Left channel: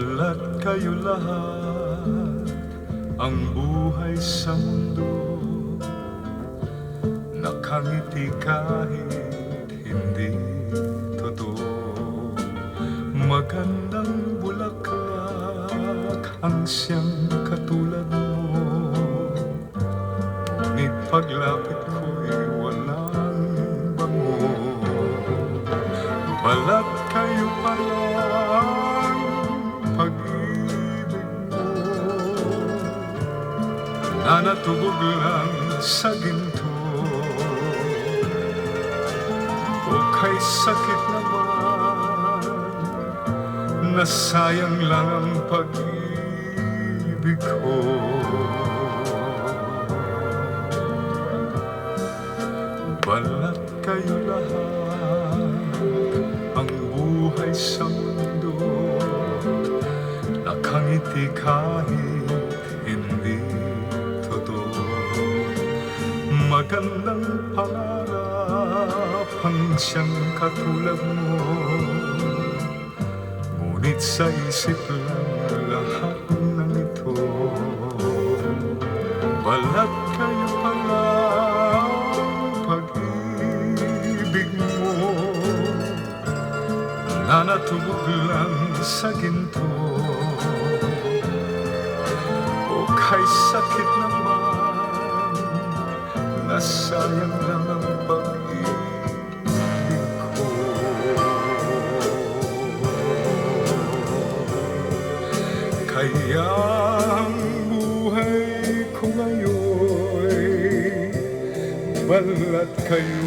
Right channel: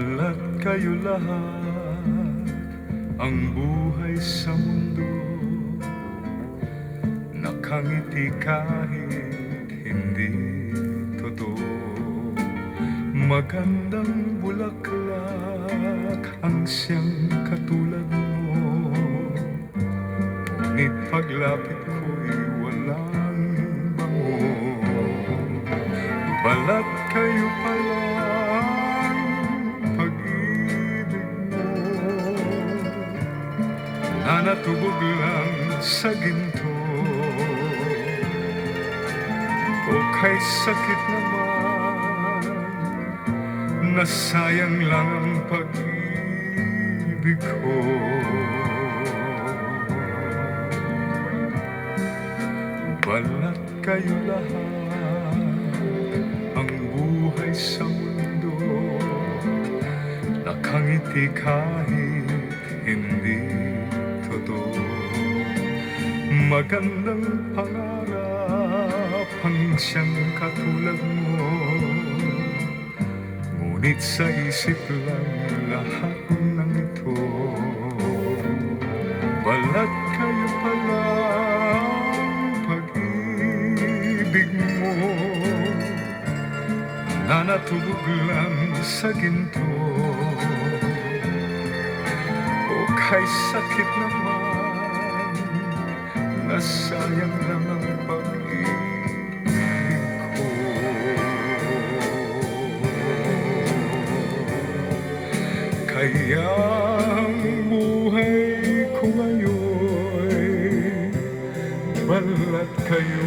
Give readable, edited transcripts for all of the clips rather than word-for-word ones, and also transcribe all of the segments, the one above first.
Balat kayo lahat, ang buhay sa mundo, nakangiti kahit hindi totoo. Magandang bulaklak ang siyang katulad mo, ngunit paglapit ko'y walang bango. Balat kayo palang pag-ibig mo, nanatubog lang sa ginto. O kay sakit naman, nasayang lang ang pag-ibig ko. Balat kayo lahat, ang buhay sa mundo, nakangiti kahit hindi totoo. Magandang pangarap ang siyang katulad mo, ngunit sa isip lang lahat ng ito. Balat kayo pala pag-ibig mo, nanatubog lang sa ginto. O kay sakit naman, nasayang lang ang pag-ibig ko. Kaya ang buhay ko ngayon'y balat kayo.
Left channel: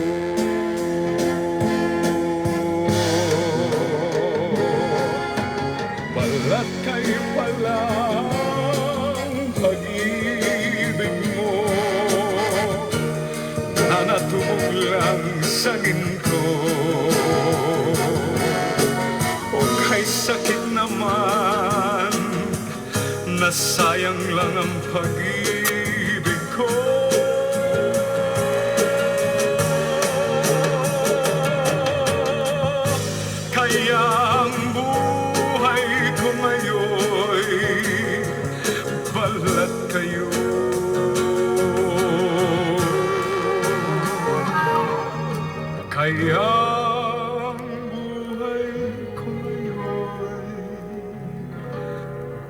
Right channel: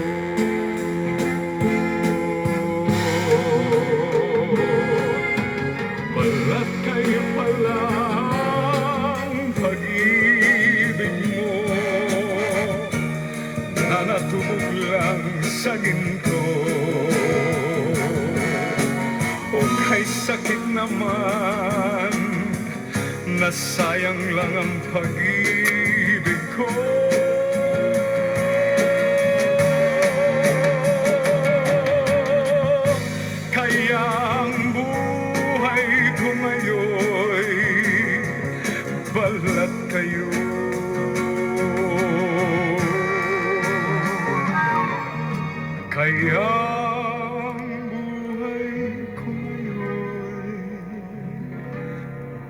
Balat kayo palang pag-ibig mo, nanatubog lang sa ginto. O kay sakit naman, nasayang lang ang pag-ibig ko. Kaya ang buhay ko ngayon'y balat kayo. Kaya ang buhay ko ngayon'y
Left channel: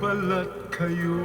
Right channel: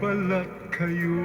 balat kayo.